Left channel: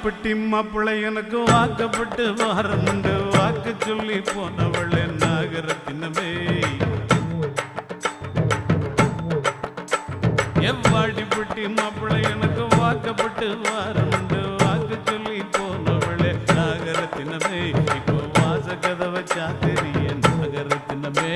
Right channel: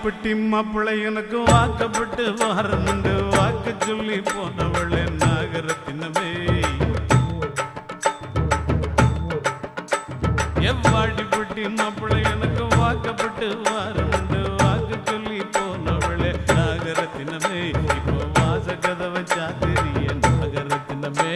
வாடிப்பட்டி மாப்பிள்ளை எனக்கு வாக்கப்பட்டு வாரமுண்டு வாக்கு சொல்லி போனவளே நாகரத்தினமே எவ்வாடிப்பட்டி மாப்பிள்ளை எனக்கு வாக்கப்பட்டு வாரமுண்டு வாக்கு சொல்லி போனவளே நாகரத்தினமே இப்போ வாச கதவை சாத்திரிய நாகரத்தினமே